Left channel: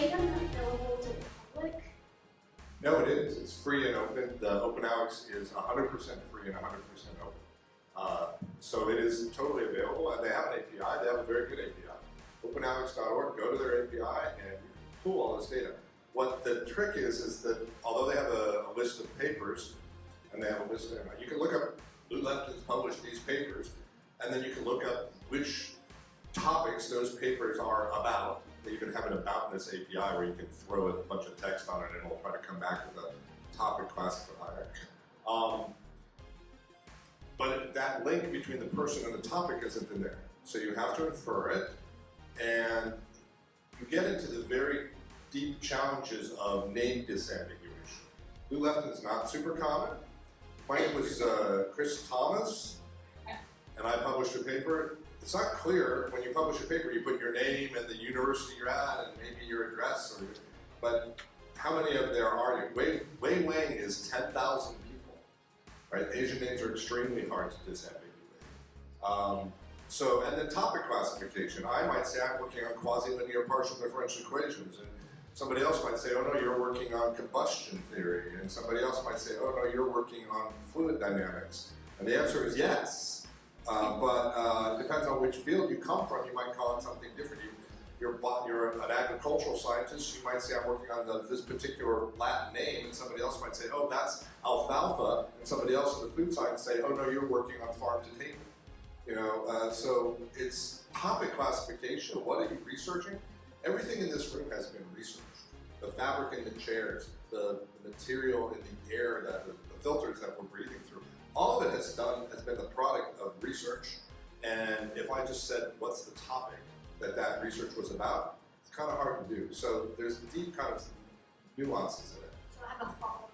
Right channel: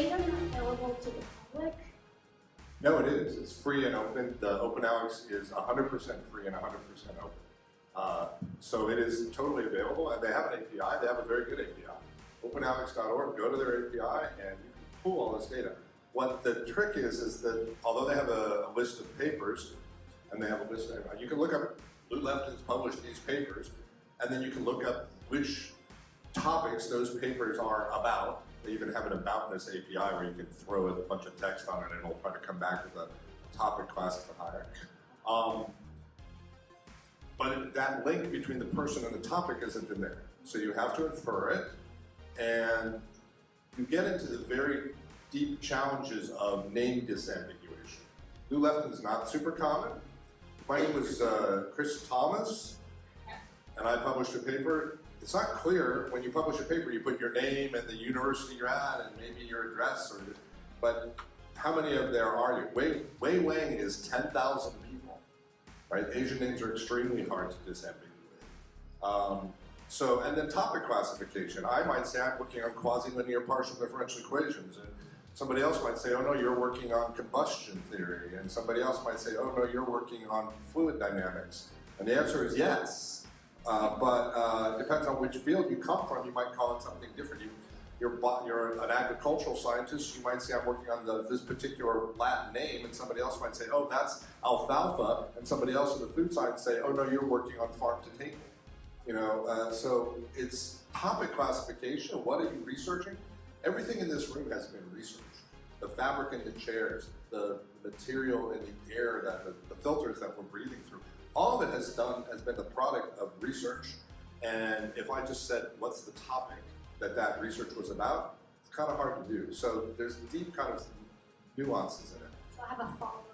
data not available to the public? No, it is. It's free and open. The OpenAlex is 100% free and 100% open. So it is totally available, and they have an API. They have a very good API. OpenAlex.org, go to their API, and you can pull all this data. What the trick is that although they have a list of papers, and they have a list of, you can look up, Lew Lefton's published these papers, and then you can look up which topics those papers are about. They even have an aboutness API where you can throw a bunch of text on it and it'll try to come back with a topic classifier. But that link between the person and the topic isn't in there. So you have to infer it, and you get into the very deep challenges of name disambiguation. Lew Lefton is not super common. My name was Chris Thomas, and I published a paper. It's not clear when you publish a paper, you put your name and the university you're at and maybe your address, but how many of there are you? Wei Wang is 10,000 people, right? Asian names are extremely hard to disambiguate. And then topic classification. I might say I'm working on quasi-linear partial differential equations, and somebody else might say, oh no, you're working on combustion theory, and somebody else might say, oh no, you're working on fluid dynamics. And the answer is yes. But it depends on which field you come from. You might call it something different. You're an agricultural scientist. You might say, I'm working on this particular Latin name, and somebody else might say, oh, that's alfalfa, and somebody else in the food science say, oh no, you're working on farm to table. So it's topic classification. What are you researching? Everything in this room has been researched. The fabric in the chairs, the material in the air, the filters that we're breathing through. All of it has been the product of research. And if I just said, what's the topic that research was about, it's kind of hard to do. So there's deep kind of nuances in it. So I have a follow-up.